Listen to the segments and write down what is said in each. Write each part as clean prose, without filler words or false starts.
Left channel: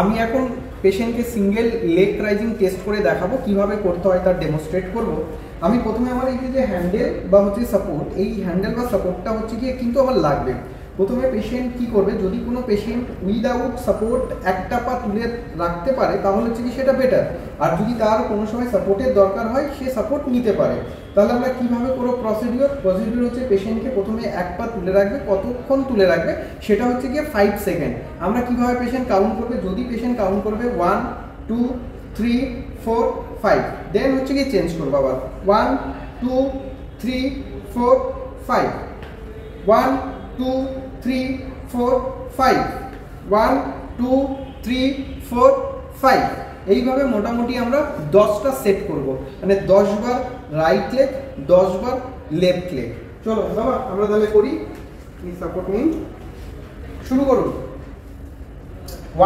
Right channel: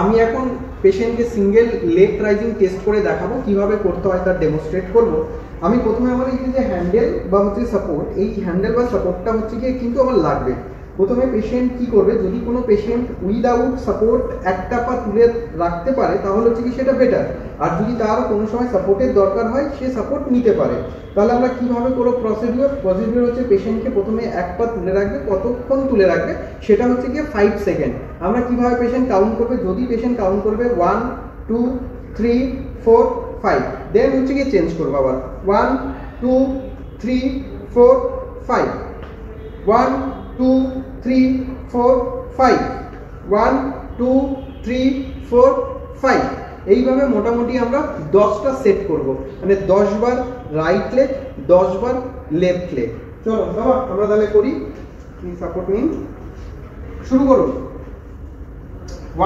আমি এখন পেশেন্টকে সিঙ্গেল লেগ রাইজিং টেস্ট করে দেখাবো কিভাবে করতে হয় তার ডেমনস্ট্রেট করব। আমি প্রথমে আমার এই যে হ্যান্ডেল বা হচ্ছে সাপোর্ট, এই হ্যান্ডেল বা সাপোর্টটা হচ্ছে গিয়ে কিন্তু আমার লাগবে। প্রথমে পেশেন্ট কি করবে, যদি কোনো পেশেন্ট উইদাউট সাপোর্ট একটা পা তুলে রাখতে পারে তাহলে হচ্ছে কি সেটা বেটার, আর যদি তার কোনো সময় সাপোর্টের দরকার হয় সে সাপোর্ট নিতে পারে। তাহলে আমরা কীভাবে করবো প্রসিডিওর হচ্ছে পেশেন্টকে প্রথমে এক পা তুলে রাখবে, কতক্ষণ তুলে রাখবে সেটা হচ্ছে গিয়ে 5 সেকেন্ড। আমরা কীভাবে পেশেন্ট কাউন্ট করবে, যদি পেশেন্ট কাউন্ট করবে 1 2 3 4 5, দেন হচ্ছে গিয়ে চেঞ্জ করবো আবার 1 2 3 4 5, 1 2 3 4 5, 1 2 3 4 5। এইভাবে মোটামুটি আমরা 10টা সেট করব, মানে 10 বার রাইট লেগ 10 বার লেফট লেগ। চলো বাবা আমরা তাহলে করি। কি সাপোর্ট নিন, শুরু করুন।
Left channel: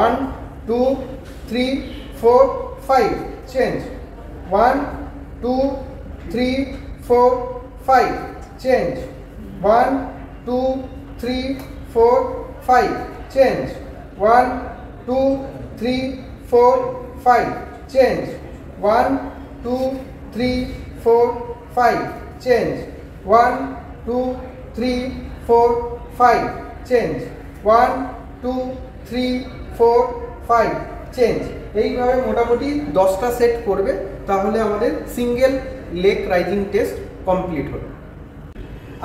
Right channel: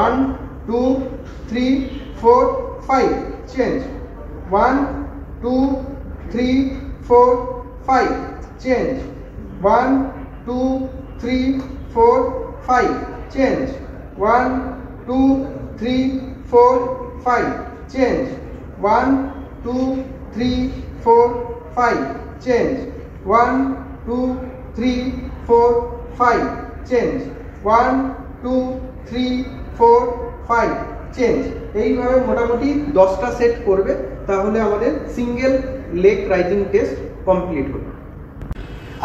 1 2 3 4 5, change. 1 2 3 4 5, change. 1 2 3 4 5, change. 1 2 3 4 5, change. 1 2 3 4 5, change. 1 2 3 4 5, change. 1 2 3 4 5, change. এইভাবে মোটামুটি 10টা সেট করবে, তাহলে আমাদের single leg rising test complete হবে।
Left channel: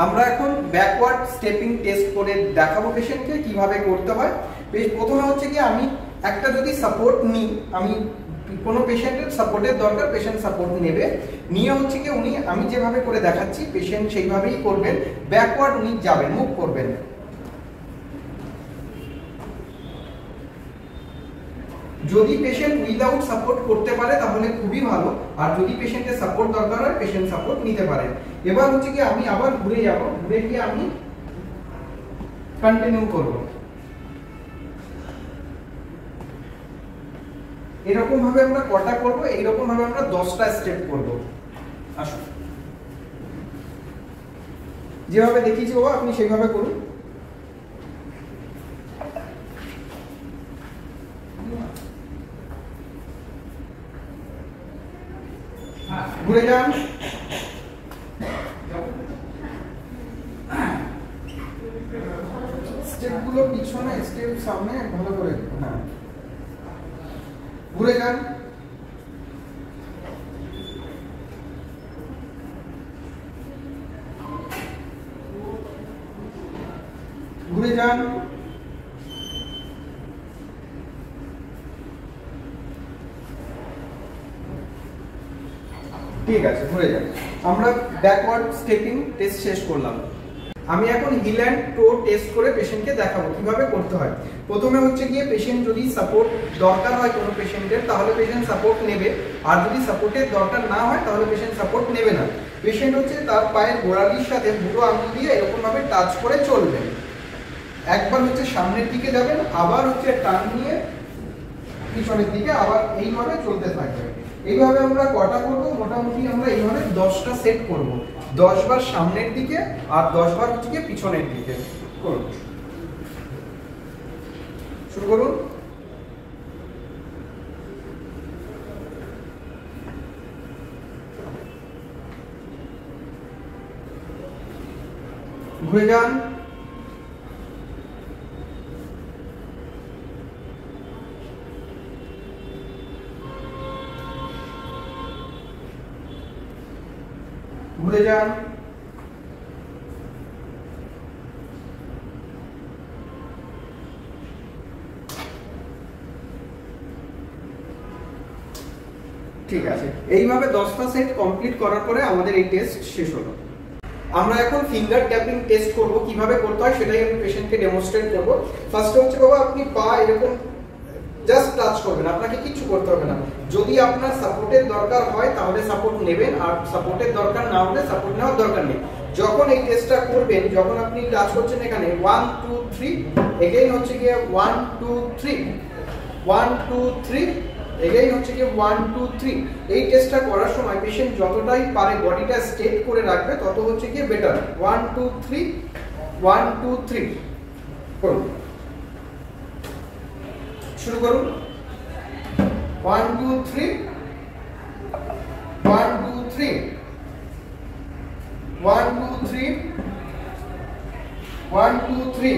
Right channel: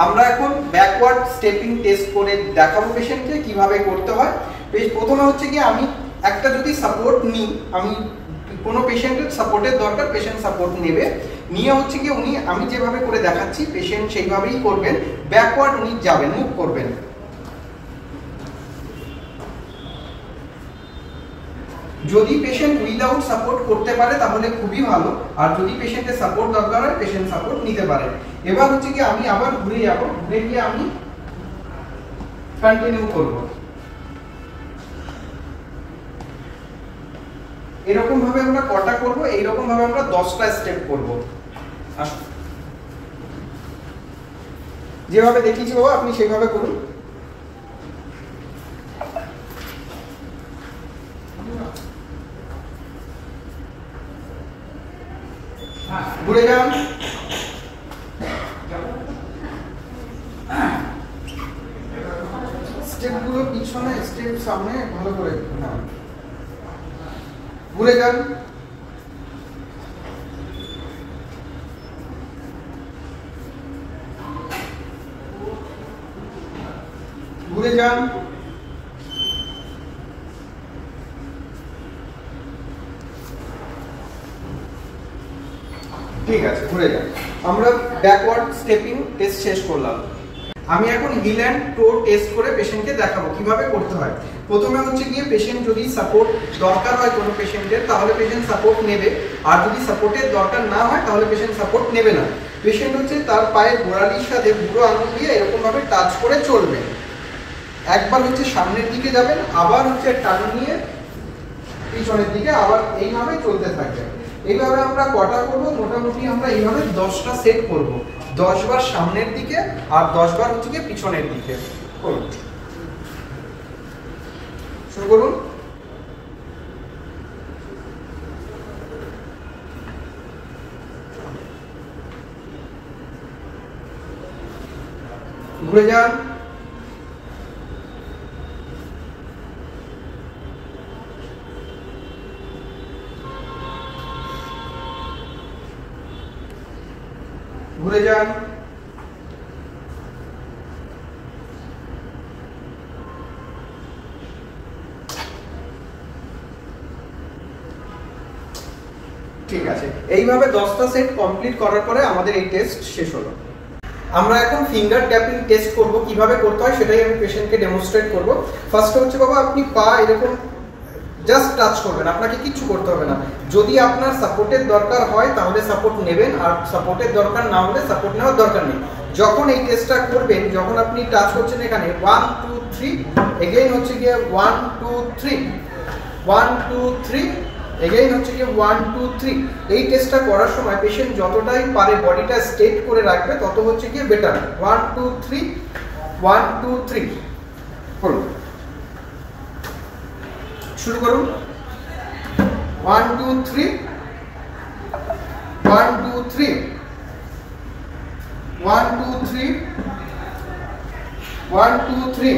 আমরা এখন ব্যাকওয়ার্ড স্টেপিং টেস্ট করে দেখাবো পেশেন্টকে কিভাবে করতে হয়। প্রথমে হচ্ছে কি আমি একটা যদি সাপোর্ট নিই, আমি কোনো পেশেন্টের সাপোর্টের দরকার, পেশেন্ট সাপোর্ট নেবে, নিয়ে হচ্ছে কি উনি আমি যেভাবে করে দেখাচ্ছি পেশেন্ট সেইভাবেই করবেন। ব্যাকওয়ার্ড উনি যাবেন, মুভ করবেন। যদি পেশেন্ট উইদাউট সাপোর্ট করতে পারে তাহলে খুবই ভালো, আর যদি পেশেন্টের সাপোর্ট দরকার হয় পেশেন্ট সাপোর্ট নিতে পারে। এবার হচ্ছে কি আমি আবার ঘুরে যাব, ঘুরে গিয়ে আমি কন্টিনিউ করব। এরকম ভাবে আমরা কটা করব, এইরকম ভাবে আমরা 10টা স্টেপ করব। আসুন, যেভাবে দেখিয়েছি বাবা আপনি সেইভাবে করুন। ঘুরে যান, স্টেপগুলো পিছনে, স্টেপ সামনে, ভালো করে। হ্যাঁ, ঘুরে যান। ঘুরে যান। ঠিক আছে, ঘুরে যান। আমরা ব্যাকওয়ার্ড স্টেপিং টেস্ট শেষ করলাম। আমি এখন হিল অ্যান্ড টো টেস্ট করে পেশেন্টকে দেখাবো কিভাবে করতে হয়। প্রথমে হচ্ছে গিয়ে পেশেন্ট যদি সাপোর্ট দরকার হয় কোনো পেশেন্টের তাহলে পেশেন্ট সাপোর্ট নেবে, আর যদি সাপোর্টের দরকার না হয় তাহলে পেশেন্ট সাপোর্ট নেবে না। পেশেন্ট হচ্ছে তার পায়ের গোড়ালির সাথে বুড়ো আঙুল দিয়ে এরকম ভাবে টাচ করে চলবেন। একবার হচ্ছে সামনের দিকে যাবেন, আবার হচ্ছে টান নিয়ে পিছনের দিকে, আবার এইভাবে চলতে থাকবেন। এইভাবে আমরা কটা করবো, মোটামুটি আমরা এইভাবে 10টা সেট করব। 10 বার সামনের দিকে আর 10 বার হচ্ছে কি পিছনের দিকে করুন। শুরু করুন। ঘুরে যান। ঘুরে যান। ঠিক আছে, এইভাবে 10টা সেট কমপ্লিট করার পরে আমাদের এই টেস্ট শেষ হলো। আমরা এখন ফিঙ্গার ট্যাপিং টেস্ট করব, কিভাবে করতে হয় সেটাই আমি পেশেন্টকে ডেমনস্ট্রেট করব। ফার্স্টে হচ্ছে বাবা আপনি পা এরকম জাস্ট টাচ করবেন, আপনাকে কিচ্ছু করতে হবে না। যদি আপনার সাপোর্টের দরকার হয় তাহলে সাপোর্ট নেবেন, আর সাপোর্টের দরকার না হলে সাপোর্ট নেওয়ার দরকার নেই। যখন এই টেস্টটা করবেন, যখন আপনি টাচ করছেন এখানে 1 2 3, এগেইন হচ্ছে গিয়ে 1 2 3, 1 2 3, এগেইন হচ্ছে গিয়ে 1 2 3। এই টেস্টটা করার সময় পেশেন্ট যতটাই পারে বডিটা স্ট্রেট করে রাখবে তত হচ্ছে গিয়ে বেটার। 1 2 3, 1 2 3 করুন। শুরু করুন। 1 2 3 1 2 3 1 2 3 1 2 3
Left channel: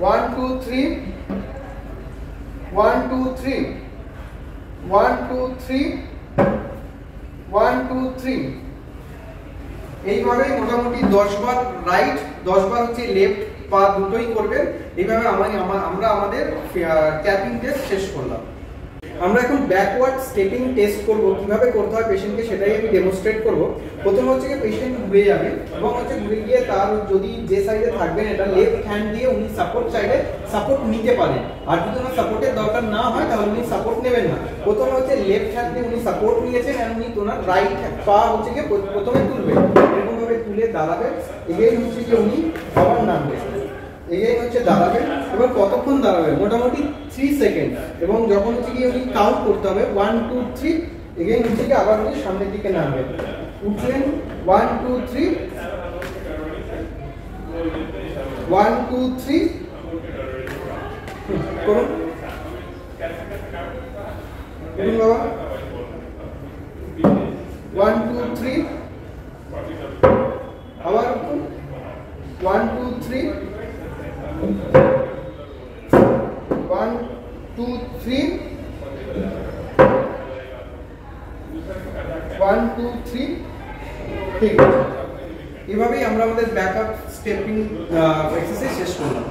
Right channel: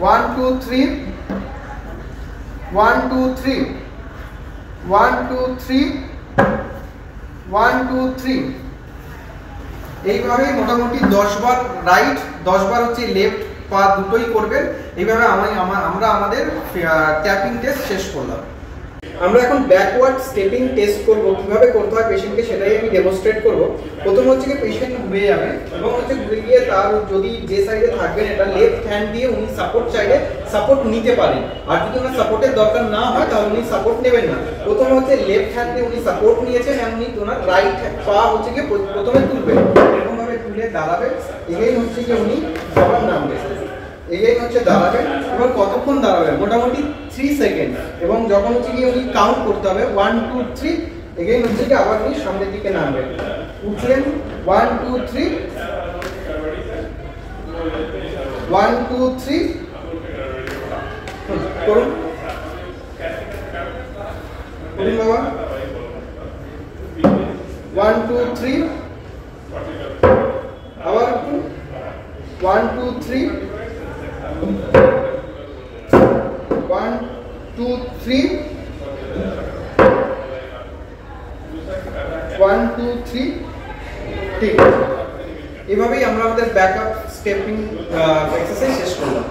1 2 3 1 2 3 1 2 3 1 2 3 এইভাবে মোটামুটি 10 বার রাইট 10 বার হচ্ছে লেফট পা দুটোই করবেন। এইভাবে আমরা আমাদের ট্যাপিং টেস্ট শেষ করলাম। আমরা এখন ব্যাকওয়ার্ড স্টেপিং টেস্ট করব, কিভাবে করতে হয় পেশেন্টকে সেটাই আমি ডেমনস্ট্রেট করব। প্রথম হচ্ছে কি পেশেন্ট ঘুরে যাবে এবং হচ্ছে ঘুরে গিয়ে তার যদি যে সাইডে থাকবেন এটা লেফট হ্যান্ড দিয়ে উনি সাপোর্ট চাইলে সাপোর্ট নিতে পারেন, আর যদি ওনার সাপোর্টের দরকার না হয় তাহলে উনি সাপোর্ট নেবেন না। প্রথমে হচ্ছে লেফট হ্যান্ড দিয়ে উনি সাপোর্ট নিয়েছেন এবং উনি ওনার রাইট পা হচ্ছে কি প্রথমে তুলবেন, এরকম ভাবে তুলে দাঁড়াবে, এগেইন হচ্ছে কি উনি আবার নামবেন, এগেইন হচ্ছে দাঁড়াবেন। এবার কতক্ষণ দাঁড়াবেন? মোটামুটি 3 সেকেন্ড। এবং যখন হচ্ছে কি উনি কাউন্ট করতে হবে 1 2 3, এগেইন হচ্ছে কি আবার উনি সামনের দিকে নামবেন, উঠলেন 1 2 3 1 2 3 করুন করুন বাবা 1 2 3 আবার 1 2 3 1 2 3 1 2 3। ঠিক আছে, এভাবেই আমরা আমাদের ব্যাকআপ স্টেপিং এক্সারসাইজ শেষ করলাম।